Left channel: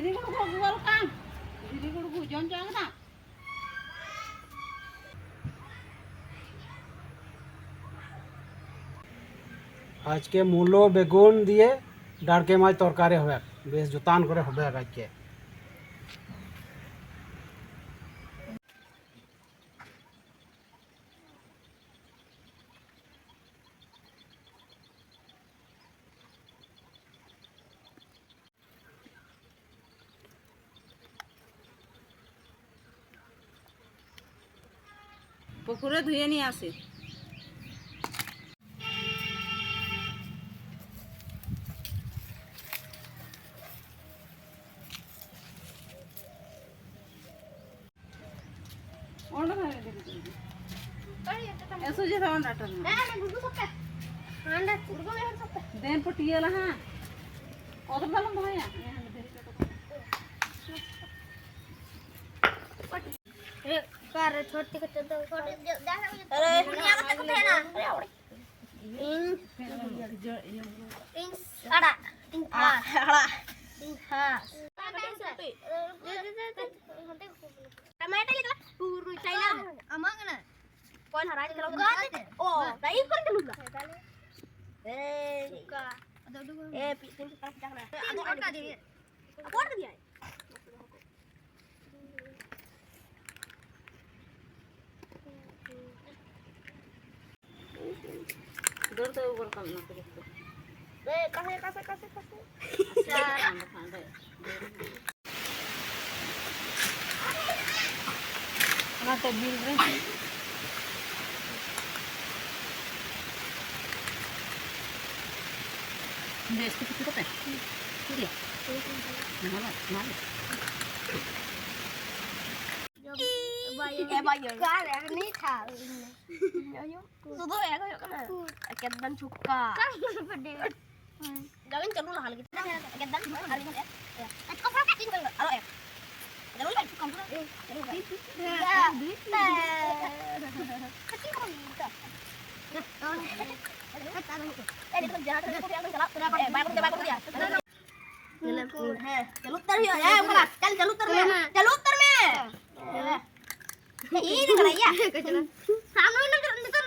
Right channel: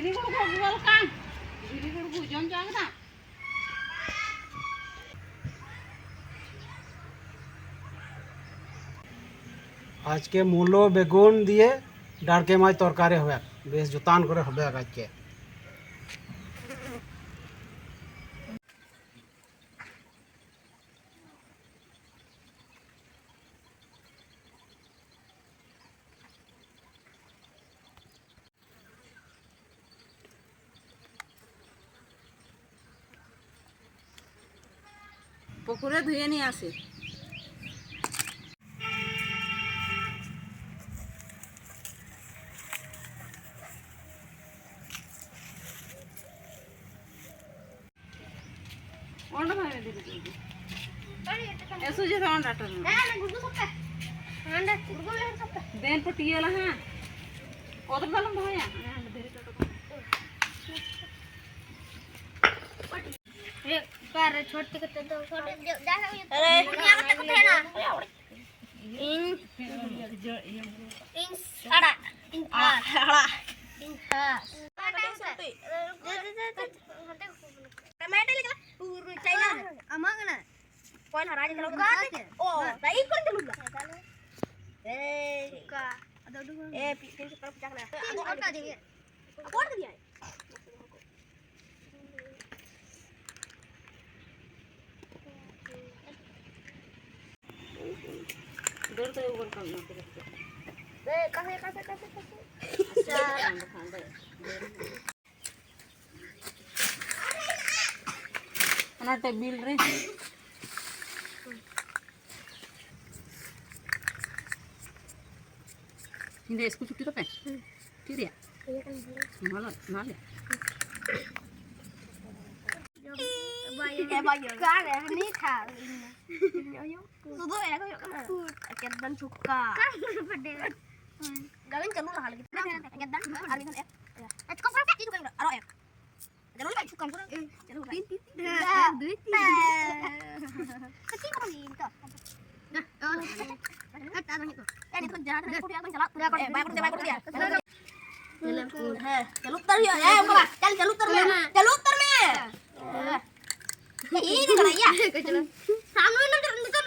धीरे गुड़ को बोल कान धीरे गुड़ को जम जाएगा ना आज के मूलो बेगुन दिए डारके माछ तरकारी হবে বেশ জুতান করে হবে আজকে পুকুরে ধুয়ে নিয়ে আসি ओंड भाई में देखो ऐसो जे ओंड डाटो ना ना गुडू सकता ओंड गुडू ले सकता देन पटियाला हां ओदर दालम भाया हां धीरे डाटो ए पर छोटे कते तो छोटे जा अरे दुनिया कते कते है ना इन साड़ा इन हाड़ा इन हा टमाटर लेके पूरा चाइना अमागना कौन हरा जे लोग ओ राइस कर दे लूगा ए का ए तीन से तरफ जाना अब और का दे अब और दिया दूर तो ऊपर कम ना करे ए कासे अच्छा खान दे ना तो बिल रे ये इसको कितना पता है क्या माला माला Kan ya ini kan. Sudah ya kau kan. Aket dan cuka. Kan beda. Galin kan dulu hal gitu. Aket dan hal gitu ya. Kau frasa itu kan? Alo ya. Jangan lupa cuka juga. Kecil kan itu. Ini tuh jahat. Dia jalan. Baik dia. Jalan. Jalur tar ya. Bukan. Jalur tar में. Jalur tar में. ये निकल आया चलो सामने निकल निकल निकल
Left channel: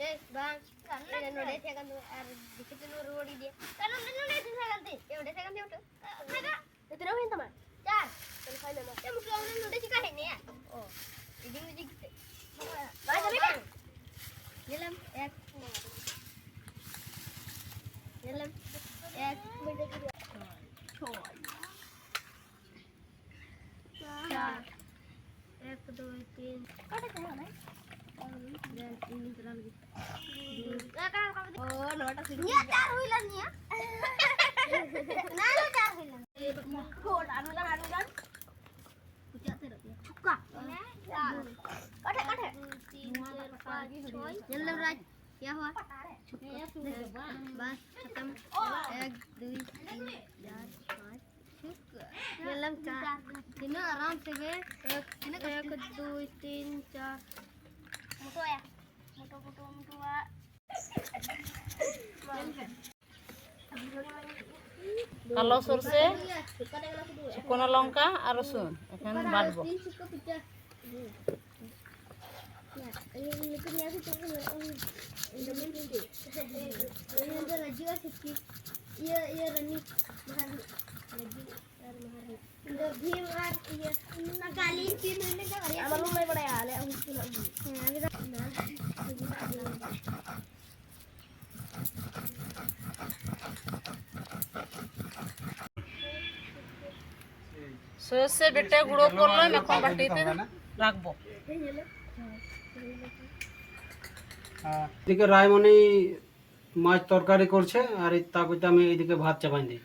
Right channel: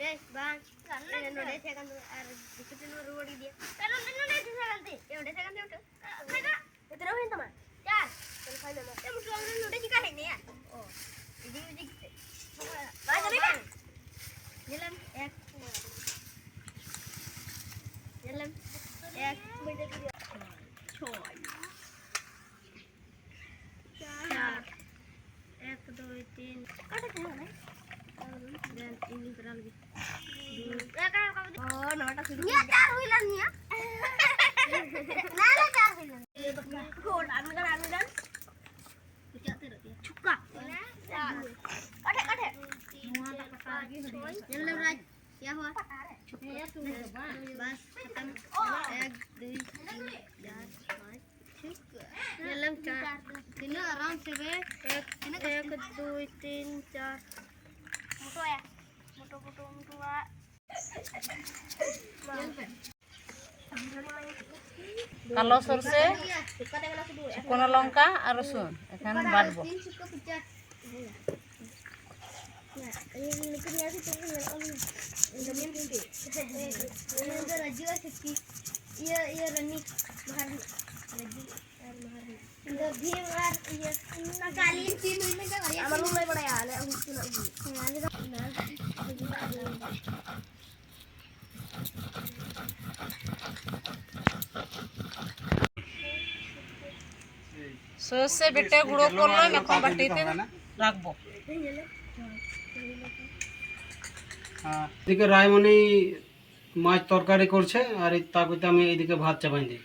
ए बान करने नोडे सेकंड और दिक्कत नो रोडी दिया चलो नोडे सेकंड ये नोडे सेकंड ये उठा उतरो है तमा चार चल खा लो ये मुझे नोडे सिखा है नहीं ओ इदी इदी बात करें येलम एक येलम एक मिनट छोड़ एक दो तीन ini berang gitu ya kan oh nota sudah ya tar wilannya nala tar wilan kod anu kan cuka kade kade jalan raj क्या हुआ बस खत्म 1 2 3 4 ये लम चार तीनों आराम से गए एक 2 3 4 मोटो है मोटो কালো সরষে শুকনো লঙ্কা আর রসুন এখানে বাটবো ये रनी इधर भी मार ये नकाली चीज में क्या करिए मालूम नहीं पड़ा यार हम सुना সরষে বেটে গুঁড়ো করলাম এখন বাটিতে রাখবো এদিকে রায়মণি মাছ তরকারি করছে আর তারপরে আমি এইদিকে ভাত চাপাই দিই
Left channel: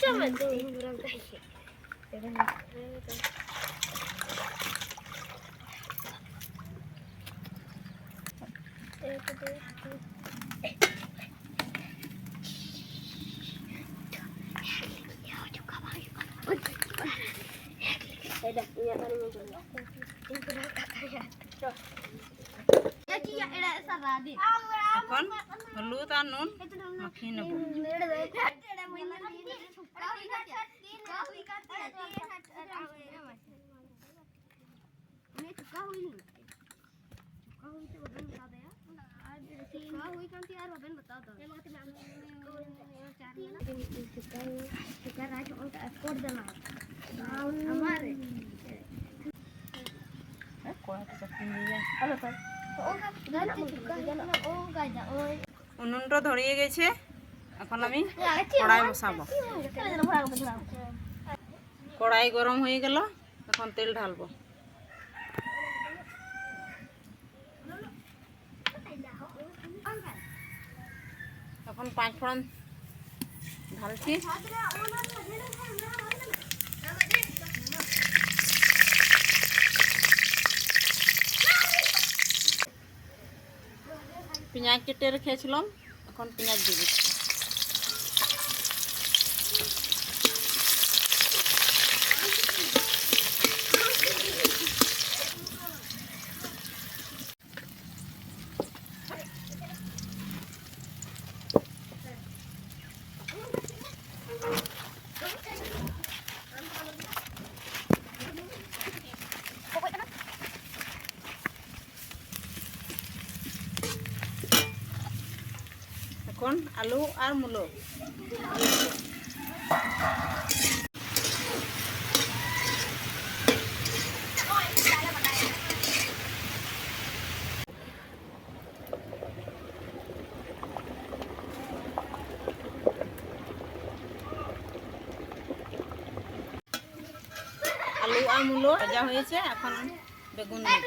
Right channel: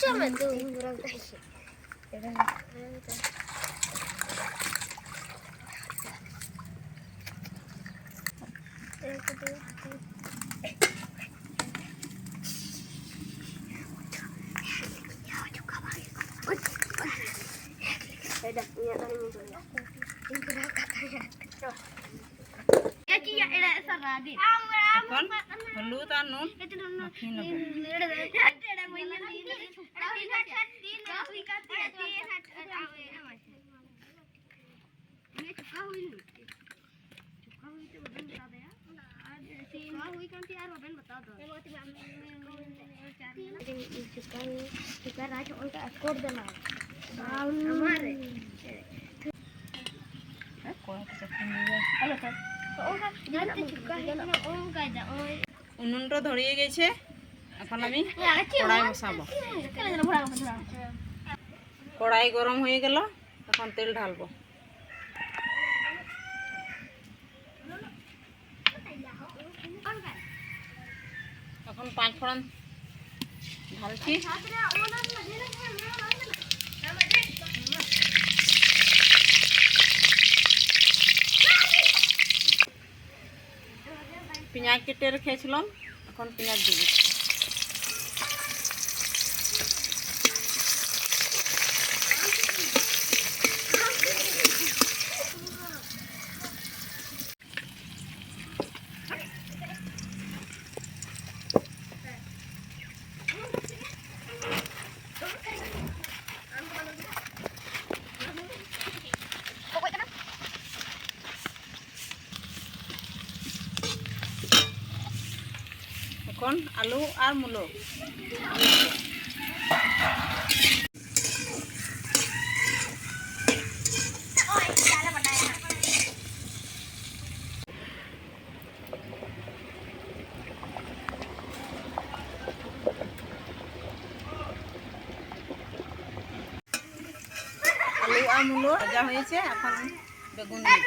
Coba tuh kurang kasih. এখন হলুদ আর নুন মাখিয়ে নেব। উনুনটা ধরিয়ে গেছে, এখন আমি কড়াই বসাবো। কড়াই গরম হয়ে গেল, এখন তেল ঢালবো। এখন 5 ফোড়ন ঢালছি। পেঁয়াজ কেটে রেখেছিলাম, এখন পেঁয়াজ দিয়ে দিচ্ছি। এখন আলু আর মূলো ভাজা হয়েছে, এখন বেগুন দিই।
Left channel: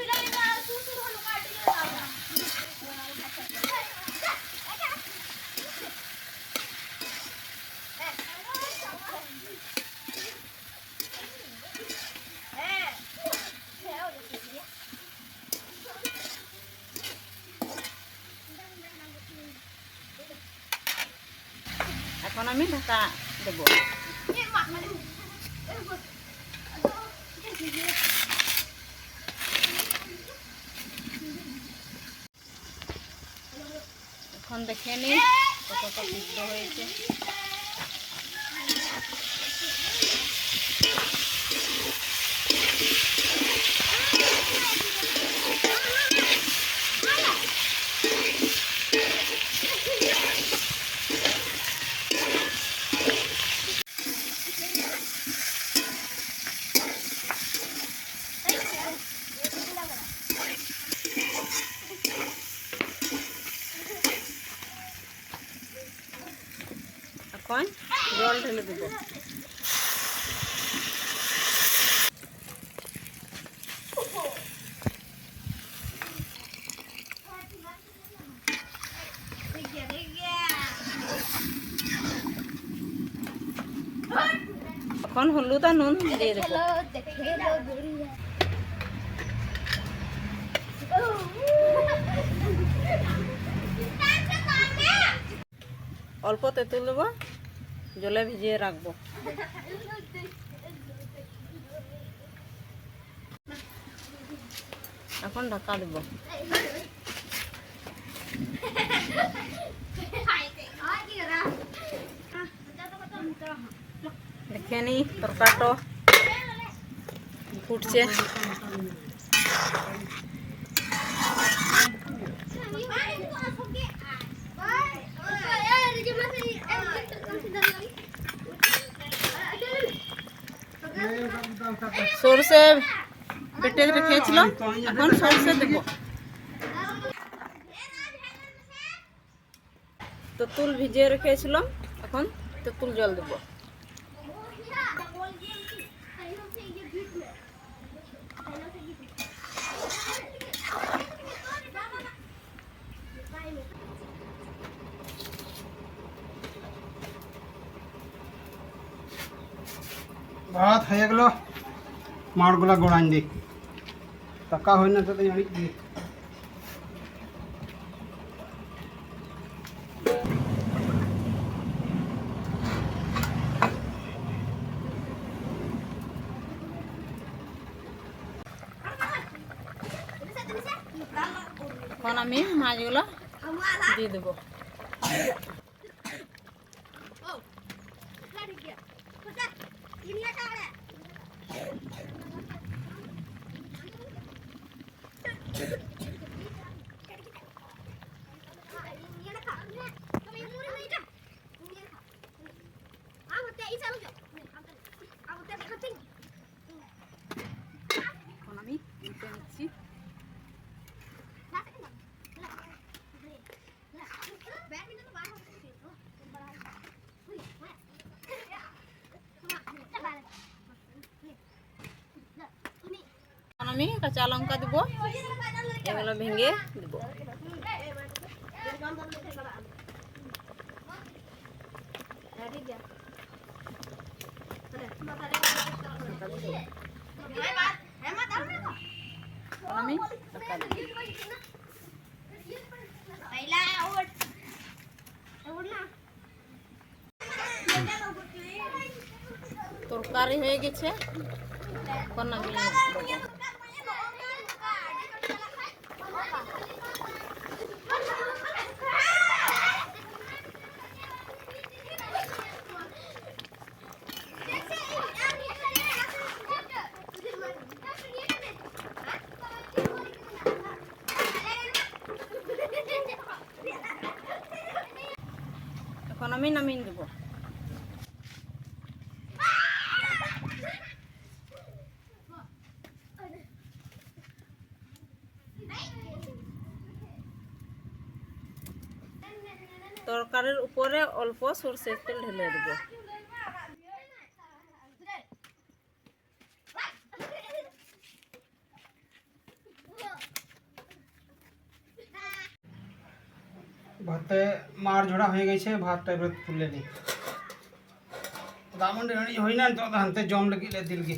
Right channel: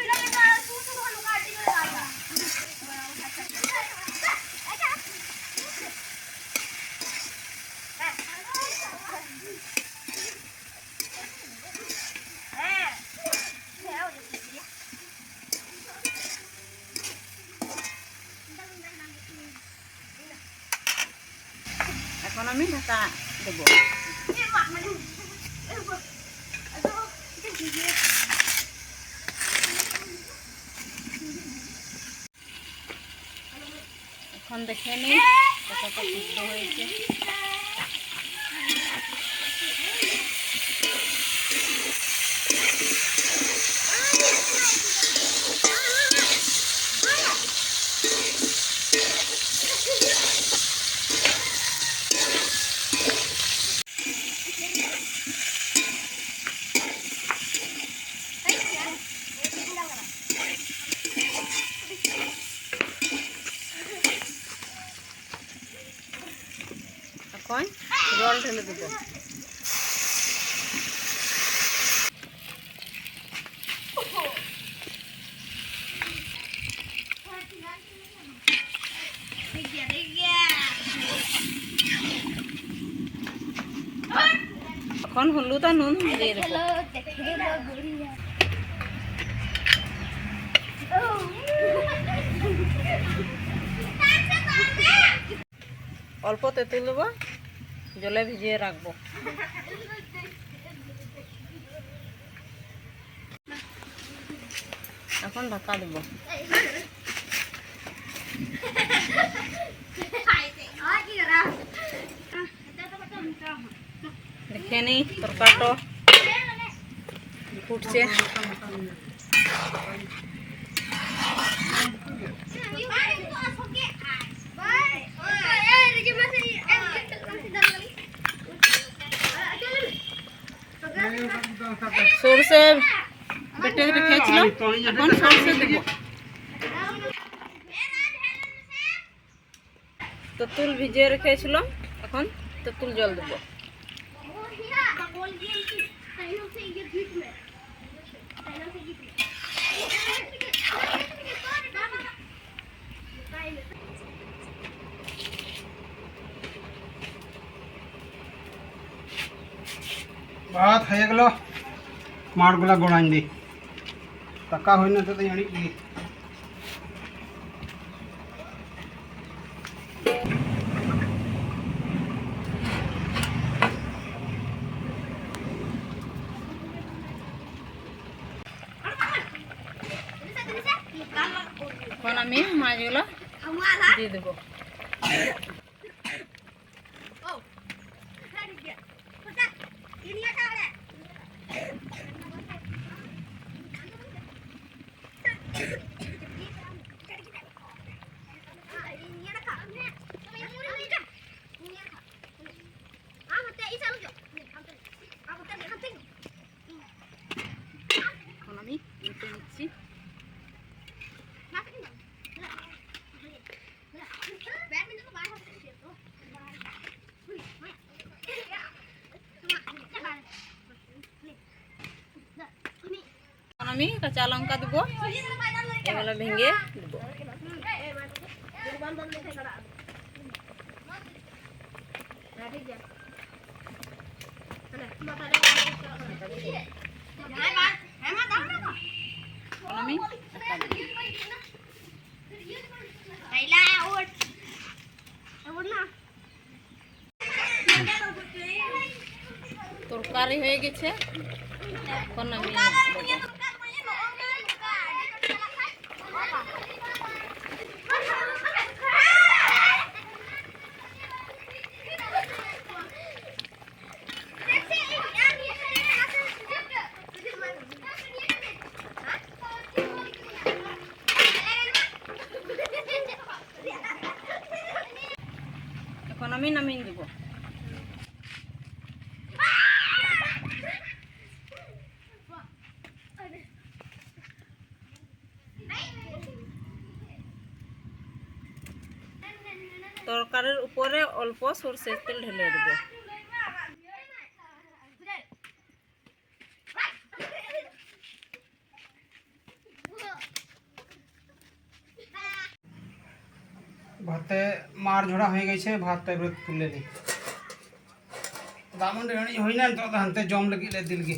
এখন আমি ঢাকা দেব। এখন দেখে নিই কতটা সিদ্ধ হয়েছে। এখন জল ঢেলে দেব। এখন হলুদ আর নুন দিয়ে দেব। অল্প তেঁতুল দেবো, জলে ভিজিয়ে রাখবো। এখন ঢাকা দেব। দেখে নি তরকারিটা ফুটছে। সরষে বেটে রেখেছিলাম, এখন সরষে দেব। তেঁতুল ভিজিয়ে রেখেছিলাম, এখন তেঁতুল জল দেব। ভাত হয়ে গেল, মাঠগুলা গোড়াইন দি টাকা হয় না তো জানি কি এখন আমি মাছগুলো দিয়ে দেবো। এখন আমি উল্টে নিচ্ছি। এখন আমি কাঁচা লঙ্কা দেবো, এগুলো ভেঙে দেবো। এখন আমি ঢাকা দেবো। তরকারি হয়ে গেছে, এখন আমি দেবো। এখন আমি নামিয়ে দেবো। তরকারির উপরে অল্প সরষের তেল ঢেলে দেবো। ভাতে মার ঝোড়া হয়ে গেছে, ভাতটা এবার তুলে নিই। দামন রেডি হই না তো হাতে জম লাগিলে দিলগি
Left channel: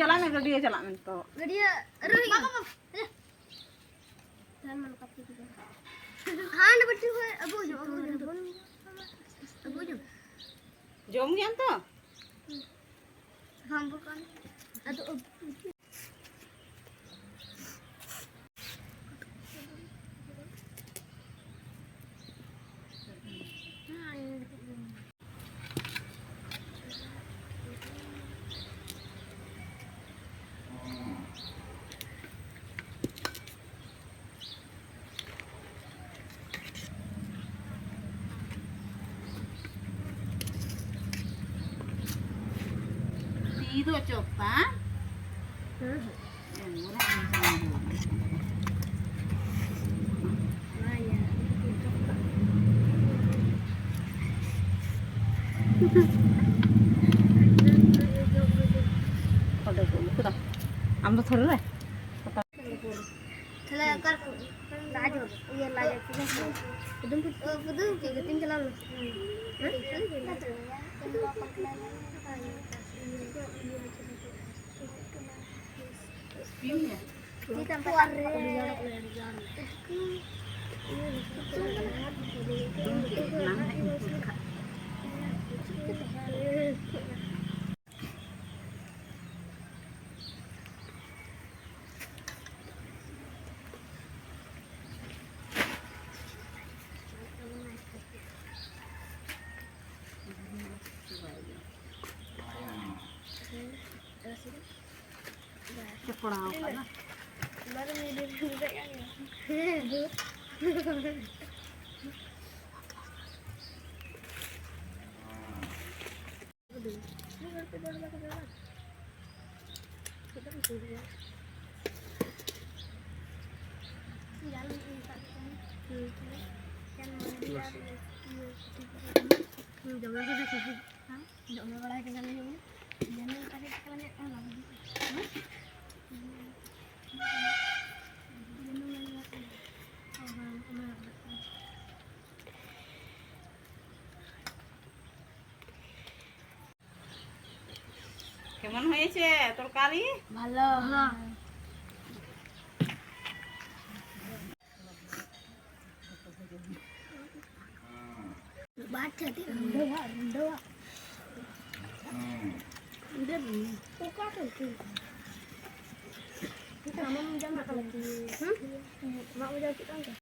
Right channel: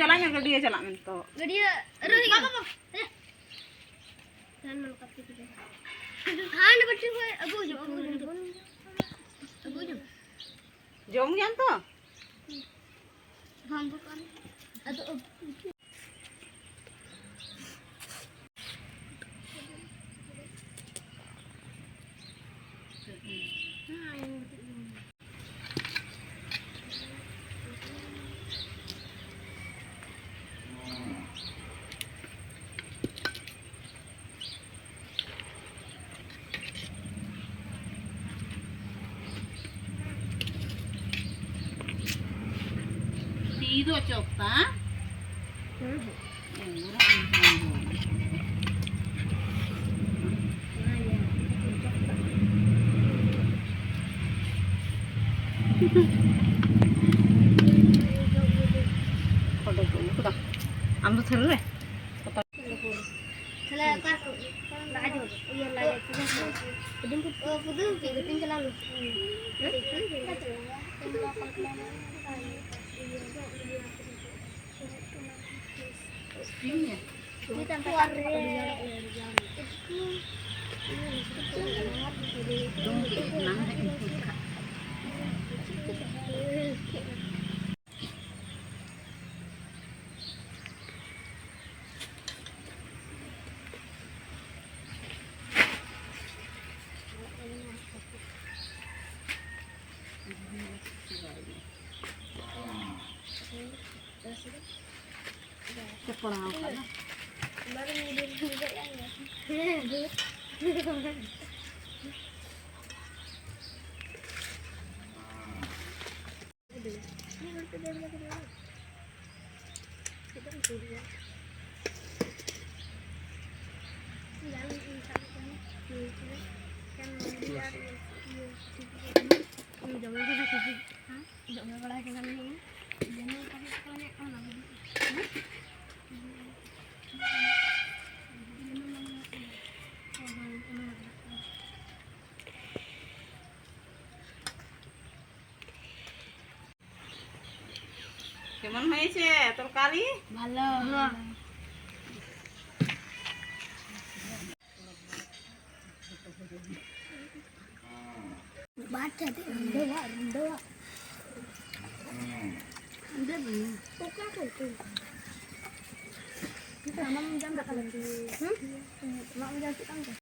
चला मैं गड्डी चला मैं तो जम गया तो हम itu coba yang murah ambil dulu ya. Pernah kan? Baru ini juga yang ya. কেমন হয়েছে তরকারি? ভালো। বাচ্চা দেওয়া দেওয়া পোকা করতে আমার জামা কালার mak mau jadi